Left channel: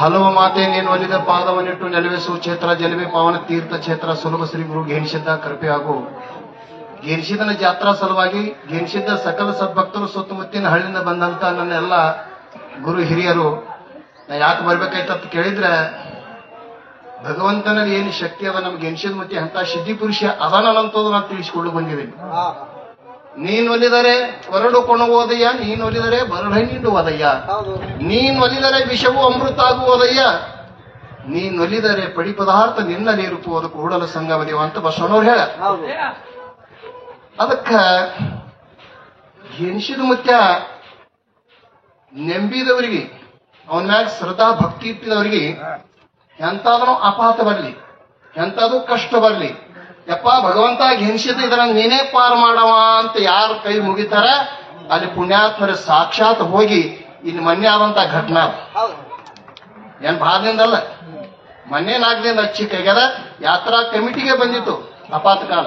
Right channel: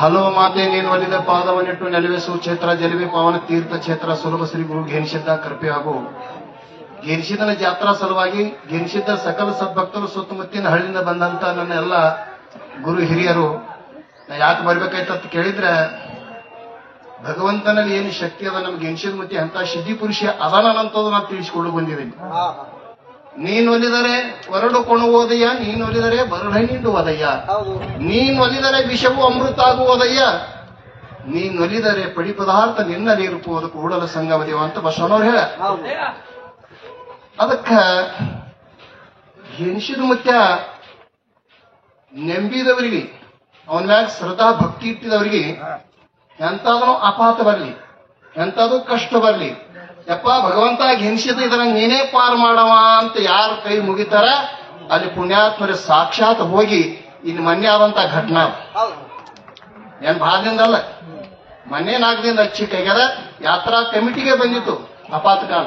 ಹಲವು ಮಾತೆ ನೀನು ಒಲಿದ ಪಾದವನ್ನಿಟ್ಟು ನೆಲವೆಸುವ ಕ್ಷೇತ್ರ ಜಲವೇ ಪಾವನ ತೀರ್ಥ ಕ್ಷೇತ್ರ ಸುರದ ಶ್ರೀ ಗುರು ಘೇನಿಸಿದ್ದ ಕೃಪೆ ಹಾಗೂ ಘೇನಿಸಿದನ ಜಾತ್ರಾ ಸಲುವಾಗಿ ಘೇನಿಸಿದ್ದ ಸಕಲ ಸದ್ಭಕ್ತರು ಸುತ್ತಮುತ್ತಿನ ಹಳ್ಳಿಯಿಂದ ಬಂದಂತ ನನ್ನ ಎಲ್ಲ ಗುರು ಹಿರಿಯರು ಯಾಕೆ ಬರ್ಬೇಕಾಯ್ತಂತ ಕೇಳಿದ್ರೆ ಭಗವಂತನಲ್ಲಿ ಏನು ಶಕ್ತಿ ಅದ ನಮ್ಗೆ ಘೇನಿಸಿದ ಮತ್ತೆ ಅಂತ ಸಿದ್ಧಿ ಪುರುಷ ಅದನ್ನಂತದ್ದು ನಾನು ತಿಳಿಸಿಕೊಂಡು ಬಂದಿದ್ದೀನಿ. ನೀನು ಒಲಿದರೆ ಹೊರಡು ಕೊಣುವುದಯ್ಯ, ನೀನು ಒಲಿದರೆ ಬರಹಣ್ಣಿಡುವುದಯ್ಯ, ನೀನು ಒಲಿದರೆ ವಿಷವು ಅಮೃತ ಆಗುವುದಯ್ಯ, ನೀನು ಒಲಿದರೆ ಪಡಿ ಪದಾರ್ಥ ನಿನ್ನಲ್ಲಿ ಇರುವುದು ಕೂಡಲ ಸಂಗಮದೇವ ಅಂತ ಬಸವನವ್ರು ಹೇಳ. ಅದಕ್ಕ ಘೇನಿಸಿದ ಮುತ್ಯ ನೆಂಬಿದವರಿಗೆ ಅವನ ಮ್ಯಾಗ ಶ್ರದ್ಧಾ ಭಕ್ತಿ ಇಟ್ಟಿದವರಿಗೆ ಎಂತಾದ್ರೂ ಅಪಘಾತ ಬರಲಿ, ಎಂತಾದ್ರೂ ಕಷ್ಟ ಬರಲಿ, ಯಪ್ಪ ಭಗವಂತ ಘೇನಿಸಿದ ಇದನ್ನ ನೀನೇ ಪಾರು ಮಾಡವ ಅಂತ ಯಾರು ಕೈ ಮುಗಿತಾರ ಅಲ್ಲಿ ಪುಣ್ಯಾತ್ಮರ ಸಾಕ್ಷಾತ್ ಹೋಗಿ ಇನ್ನು ಮೊನ್ನೆ ಆದಂತ ಘಟನಾ ಏನ್ ಭಾರದಿಂದಲ್ಲ, ಮೊನ್ನೆ 4 ದಿನದ ಅಚ್ಚಿ ಕೈಗಾರ ಯಾತ್ರಾ ಕಮಿಟಿಗೆ ಬಂದಿತ್ತು ಅಪಾತಕಾಲ.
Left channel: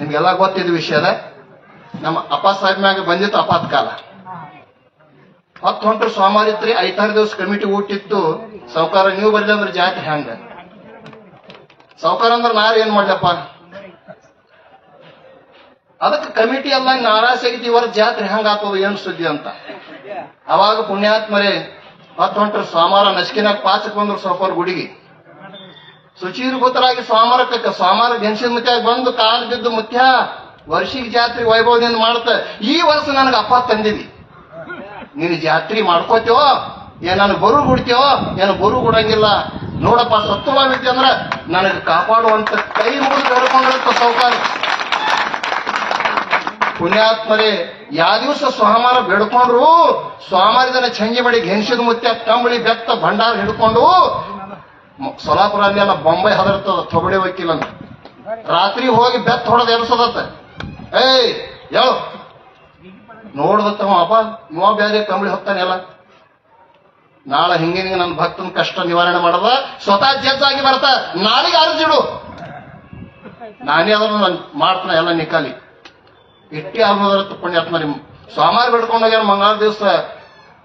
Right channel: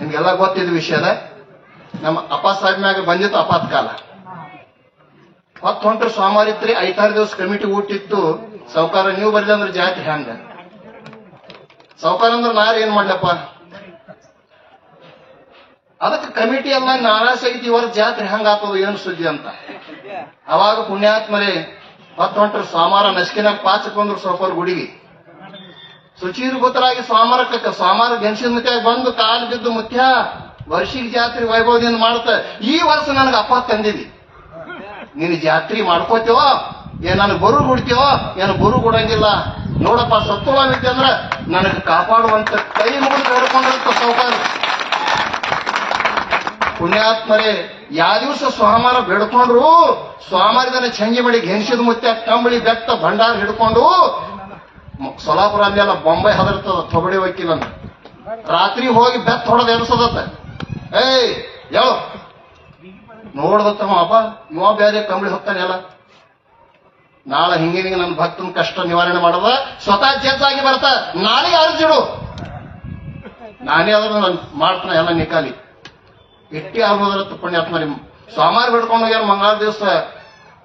ನಿಮ್ಗೆಲ್ಲ ಗೊತ್ತಿದ್ದ ವಿಷಯದ ನಮ್ಮ ಅಪ್ಪ ಸಾಹೇಬ್ ಮ್ಯಾಗ ಬಂದಿತ್ತು ಅಪಾತಕಾಲ. 10 ಹೊಂಟ್ರು ಸೋಮವಾರಿತ್ರಿ 5-6 ದಿವಸ ಕಮಿಟಿ ಊಟಿತ್ತು. ಸಾವುಕಾರ ನೀವು ಬರ್ಲಿ ಅಂದ್ರೆ ಜಾತಿ ಹ್ಯಾಂಗ ಸಾವುಕಾರ ಅಂದ್ರೆ ನಾರು ಏನ್ ಮಾಡ್ಲಪ್ಪ, ಅದಕ್ಕೆ ಕಮಿಟಿ ಎಲ್ಲ ನಾರಾಜ್ ಐತಿ ಇವರ ಜಾತ್ರೆ ಹಂಗಾಗ್ತದ ಏನ್ ಸುದ್ದಿ ಅಂತ. ಅವಾಗ ಪುಣ್ಯಾತ್ಮರೇ 10 ಹೊಂಟ್ರು ಸೋಮವಾರ ನಸ್ಕಿನಾಗ ಪಾಚಕ್ ಬಂದ್ರು ಸಾವುಕಾರ ಗುಡಿಗೆ ಶುಚೀರ್ಭೂತರಾಗಿ ಸೋಮವಾರ ಘೇನಿಸಿದ ಮುತ್ಯಾಗ ಬಂದು ಕಾಲು ಬಿದ್ದು ಮುತ್ಯ ವರ್ಷಿಗೆ ಜಾತ್ರೆ ವೈಭವದಿಂದ ಮಾಡುತ್ತ ಈ ವರ್ಷ ನನಗೆ ಅಪ್ಪ ತಂದಿದಿ, ನೀನು ಜಾತ್ರೆ ಮಾಡ್ಕೋತೇವೋ ಏನಾನು ಬರು ಬಿಡ್ತೇವೋ ಏನು ಬರು ಕೊಡಂಗಿಲ್ಲ ನೋಡಪ್ಪ, ಸತ್ವವಾಗಿದ್ದೆ ಅಂದ್ರ ನನಗೆ ಕಾಪಾಡುವಂತ ಕೈ ಮುಗಿದು ಹಿಡ್ಕೊಂಡಿರುತ್ತ ಸೌಕಾರ. ಪುಣ್ಯಾತ್ಮರೇ ಯಾವ ದಿವಸ ಸೋಮವಾರ ಬೇಡ್ಕೊಂಡ್ರು ಸೋಮವಾರದನ್ನ ಚಂಗಿ ಬಡಿ ಘೇನಿಸಿದ ಮುತ್ಯ ಕಂಬಳಿ ಬೆತ್ತ ಭಂಡಾರ ಹಿಡ್ಕೊಂಡು ಸೊಲಾಪುರ ಅಲ್ಲೆಲ್ಲ ಬೊಂಬೈ ಹದರ್ತದ ತೊಗಡೆ ವಕೀಲ ಅಂತ ರಾತ್ರಿ ಹೋಗಿ ಬೆತ್ತ ಹೊಡೆದ ಎಬ್ಸದತ್ತ. ಏಯ್ ಯಾವ ನೋಡ್ದತ್ತಮ್ಮ ಅಪ್ಪ ಇವ ಬೇರೆ ಕಂಬಳಿ ಹೊತ್ತಾನೆ ಎಲ್ಲ ನಾಳೆ ಹಿಂಗೆ ನನ್ನ ಭಕ್ತನ ಕಷ್ಟ ನಿವಾರಣೆ ಮಾಡದ ಸ್ವತಃ ಜಡ್ಜ್ ಆಗಿ ಬರ್ತಾ ನಾಳೆಗೆ ಅರ್ಜಿಡು ನಾನೇ ಅದನ್ನು ನಾನು ಮಾಡ್ತಾನೆ ಎಲ್ಲ ನಿಕಾಲಿ ಇಟ್ಟಿ ಆಗುದತ್ತ. ಪುಣ್ಯಾತ್ಮ ನಿಮ್ ಸೋಮವಾರ ಬಿಡ್ಕೊಂಡು ಹೋಗ್ಯಾರ ಮಂಗಳವಾರ ದಿವಸ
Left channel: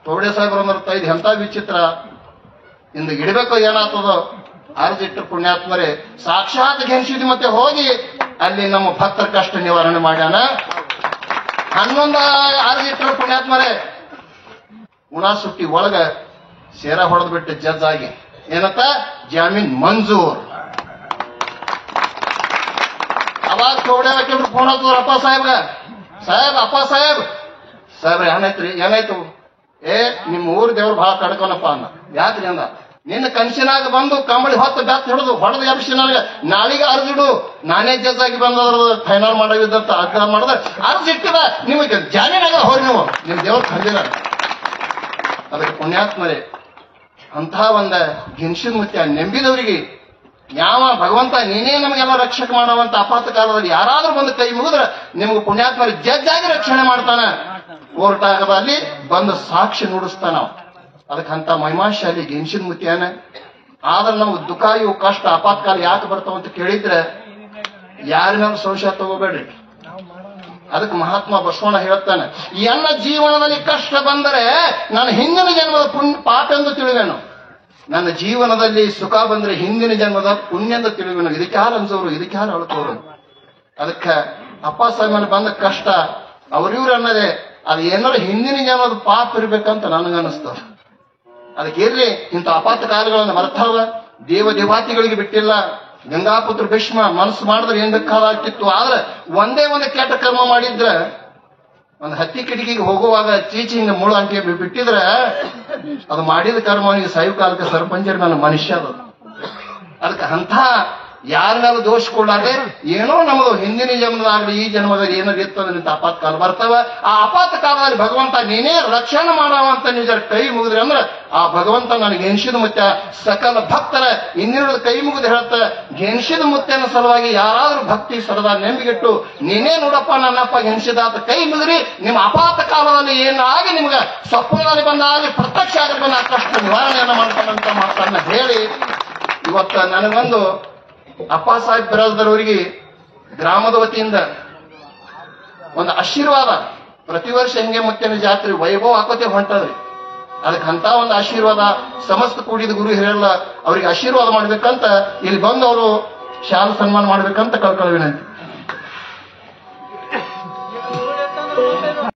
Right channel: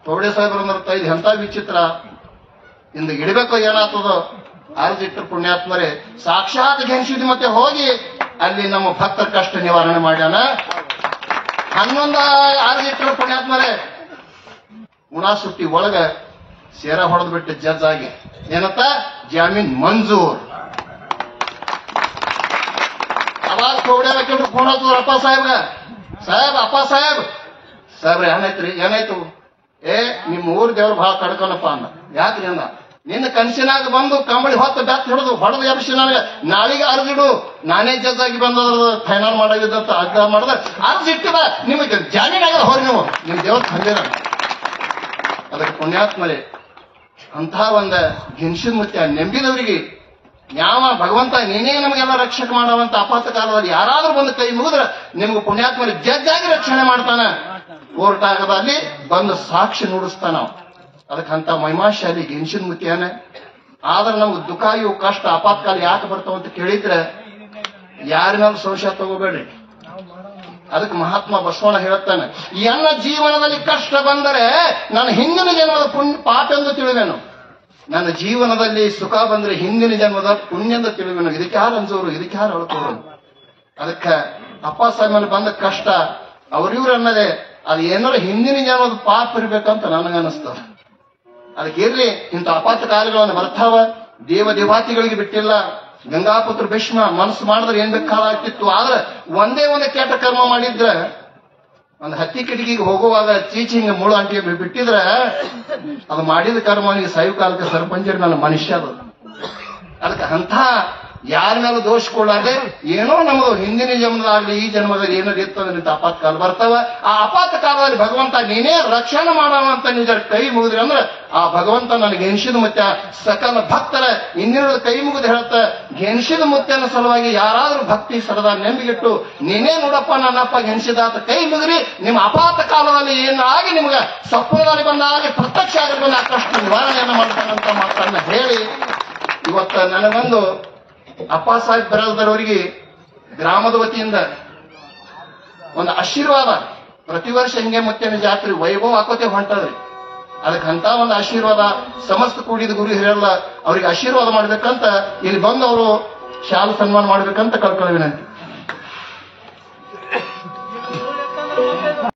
ತೊಗಡೆ ಸಾಹೇಬ್ರ ಅಂದ್ರೆ ಇದು ಎಂತ ವಿಚಿತ್ರ ಇಂದು ಇಡಬೇಕು ಏನಾಗ್ತದ ಅರ್ಜಿಟ್ಟು ಪುಣ್ಯಾತ್ಮರೇ ಸಾಕ್ಷಾತ್ ಘೇನಿಸಿದ್ವಿ ಮತ್ತೆ ಹೋಗಿ ಅಲ್ಲಿ ನಮ್ಮ ಭಕ್ತರ ಕಷ್ಟ ನಿವಾರಣೆ ಮಾಡ್ಯಾನ. 11 ಅರ್ಜಿಟ್ರು ಪುಣ್ಯಾತ್ಮರೇ ಉಣಾಸುಟ್ಟಿ ಒಳಗ ಸೇರ ಹೊಡೆದು ಬಿಟ್ಟು ಜಡ್ಜ್ ಆಗಿ ಏನತ್ತ ಜಾಮೀನ್ ಮಂಜೂರ್. ಅವಾಗ ತೊಗಡೆ ಹಾಕಿದ್ರು ಫೋನ್ ಹತ್ತದ್ರ ಅಪ್ಪ ಅಪ್ಪ ಸಾಹೇಬ್ ಏನಾಯ್ತು ನಿಮ್ ಊರ್ ದೇವ್ರು ಬಹಳ ಕಡ್ಕೊನಪ್ಪ ಅಂದ. ಯಾಕ್ರಿ ಅಂದ, ನಿನ್ನ ಕನಸಿನಾಗ ಬಂದು ಕಂಬಳಿ ಹೊತ್ತು ಬೆತ್ತ ಹೊಡೆದು ಎಬ್ಸಿ ನನಗೆ ನಾಳೆಗೆ ಅರ್ಜಿಡು ನಾನೇ ಜಡ್ಜ್ ಆಗಿ ಬಂದವರು ಫೈನಲ್ ಮಾಡೋದಂತ ಆಗ್ರಹ ಮಾಡಿದ್ರೆ ಅರ್ಜಿಟ್ಟಿದ ನಿಮಗೆ ಜಾಮೀನಾಗ ಹೋಗಿ ನೀವು ನಿಮ್ ದೇವ್ರ ತಂದಿರ. ಅದಕ್ಕೆ ಪುಣ್ಯಾತ್ಮರೇ ಅಂತ ಒಂದ ಘೇನಿಸಿದ ಮುತ್ಯ ನೆಂಬಿದವರಿಗೆ ಯಾವ ಭಗವಂತ ನೀನೇ ನಮಗೆಲ್ಲ ರಕ್ಷಣೆ ಮಾಡುವಂತ ಅಪಾತ ಕಾಲದಲ್ಲಿ ಯಾರಾದ್ರೂ ಬಂದು ಕೈ ಮುಗಿದ್ರೆ ನಿಮ್ಗೆ ಪುಣ್ಯಾತ್ಮರ ಜಡ್ಜ್ ಆಗಿ ರಕ್ಷಣೆ ಮಾಡ್ತಾನ. ಕೋರ್ಟ್ ಆಗದಲ್ಲಿ ಬಂದು ಸಾಕ್ಷಿ ನುಡಿಸ್ತಾನ. ಅದಕ್ಕಂತ ಮಹಿಮಾಶಾಲಿ ಘೇನಿಸಿದ ಮುತ್ಯಾನ. ಆದ್ರೆ ನಮ್ಗೆ ದುಃಖ ಇವು ಕಷ್ಟ ಅಪಾತಕಾಲ ಯಾಕೆ ಬರ್ತಾವ ಅಂತ ಕೇಳಿದ್ರೆ ಯಾರಿನಾದ್ರು ಸಂಶಯ ತಗೋಬೇಡ್ರಿ. ಅದಕ್ಕೆ ಮಹಾತ್ಮ ಬಸವಣ್ಣ ಹೇಳ್ತಾನೆ, ಎಲ್ಲ ಜೀವನದಲ್ಲಿ ಕಷ್ಟ ಬಂದರೆ ನನ್ನ ಹಿಂದಿನ ಜನ್ಮದ ಪಾಪ ಎಂದು ತಿಳಿವೆನು, ನನ್ನ ಜೀವನದಲ್ಲಿ ಸುಖ ಬಂದ್ರೆ ಹಿಂದಿನ ಜನ್ಮದ ಪುಣ್ಯ ಎಂದು ತಿಳಿವೆನು. ಇದಕ್ಕೆ ಯಾರು ಅನ್ಸೋರು, ಇದಕ್ಕೆ ಯಾರು ಅಳ್ಕೋರು. ಅದಕ್ಕೆ ಅಪ್ಪ ಸಾಹೇಬ್ ಬಂದ ಕಷ್ಟ ಅವ್ರಿವ್ರು ಅನ್ನೋದೇ ಅದು ಏನಾದ್ರು ಹಿಂದಿನ ಜನ್ಮದ ಪಾಪ ಇರ್ಬೇಕಂತ ನನಗನ್ನಿಸ್ತದ. ಅದಕ್ಕೆ ಇರ್ಲಿ ಇಂಥ ಅಪಾತ ಕಾಲಗಳನ್ನು ಬರ್ತಾವ. ದೇವಾತಿಗಳಿಗೆ ಬಿಟ್ಟಿಲ್ಲ. ಗಂಗಾಪುತ್ರ ಭೀಷ್ಮ ಮನಸ್ಸು ಮಾಡಿದ್ರೆ ಏನ್ ಬೇಕಾಗ್ತಿತ್ತು. ಆದ್ರೆ ಒಂದೇ ಕೆಟ್ಟ ಕರ್ಮ ಮಾಡಿದ್ರೆ ಒಂದು ಹತ್ತಿ ಕಿಟಕಿಗೆ ಹೋಗುವಾಗ ಚೀಚಿ ಹಿಂಗ ಮುಳು ಅಂಟಿ ಬಿಟ್ಟಿದ್ರೆ ಅದು ಮಾಡಿದ ಕರ್ಮನಿಗೆ ಸಾಯು ಕಾಲಕ್ಕೆ ಸರ್ಪಂಚರ ನನ್ನ ಮನುಷ್ಯ ಅದು. ಅದಕ್ಕೆ ಅಂತ ಯಾರ ಮೇಲೆ ದೋಷ ಕೊಡಾದ್ರೆ ಏನೋ ನಮ್ದು ಹಿಂದಿನ ಜನ್ಮದಾಗ್ಲಿ ಈ ಜನ್ಮದಲ್ಲಿ ಏನೋ ಇರ್ತದೆ ಅಪಾತ ಕಾಲ ಬರ್ತಾವ. ಆ ಅಪಾತ ಕಾಲದಲ್ಲಿ ಭಗವಂತ ನೀನೇ ರಕ್ಷಣೆ ಮಾಡುವಂತ ನಿಜ ಕೈ ಮುಗಿದ್ರೆ ಅಂದ್ರೆ ಆ ಭಗವಂತ ನನಗೆ ಘೇನಿಸಿದ ಮುತ್ಯ ಸಕಲ ಭಕ್ತರ ಇನ್ನಿರುಳು ಕೈ ಮುಗಿದು ಹೇಳ್ತ ಘೇನಿಸಿದ ಮುತ್ಯನ ಸಲುವಾಗಿ ಯಾರಾದ್ರೂ ಭಕ್ತಿ ಸರದ ನೆಂಬಿಗಿಟ್ಟು ನೀನೇ ನೋಡಪ್ಪ ನನ್ನಪ್ಪ ಘೇನಿಸಿದ ಅಂತ ಕೈ ಮುಗಿರಿ ನಿಮ್ಮ ಅಪಾತ ಕಾಲದಲ್ಲಿ ಏನಾಗಿ ನಿಮ್ಗೆ ಸತ್ವದಲ್ಲಿ ಬಂದಾಗ ಪ್ರತ್ಯಕ್ಷ ಆಗಿರ್ಬೇಕು ಆ ಕಷ್ಟ ನಿವಾರಣೆಯನ್ನು ಮಾಡ್ತಾನಂತ ಮಾತನ್ನ ಹೇಳಿ ಇವತ್ತು ನನಗೊಂದು ಅಪ್ಪ ಸಾಹೇಬ್ ಬರಲ್ದರವರಿಗೆ ಗ್ರಾಮದ ವತಿಯಿಂದ ಒಂದು ಆಶೀರ್ವಾದ. ಪ್ರತಿ ವರ್ಷ ಹೆಂಗೆ ಮತ್ತೆ ಜಾತ್ರೆ ವೈಭವ ಹಾಕೋತೆ ಹೊಂಟದ್ರಿ. ಅದಕ್ಕೆ ಅಂತ ಒಂದು ಆಶೀರ್ವಾದ ಸಮಸ್ತ ಕೂಡಿದ ಗುರು ಹಿರಿಯಲ್ಲ ಅವ್ರಿಗೆ ಆಶೀರ್ವಾದ ಮಾಡ್ಬೇಕಂತ ಇಲ್ಲಿ ಬಂದು ಅವರು ಶಾಲು ಸನ್ಮಾನ ಮಾಡ್ಬೇಕಂತ ಕಳ್ಕೊಳ್ಳಿ ವಿನಂತಿ.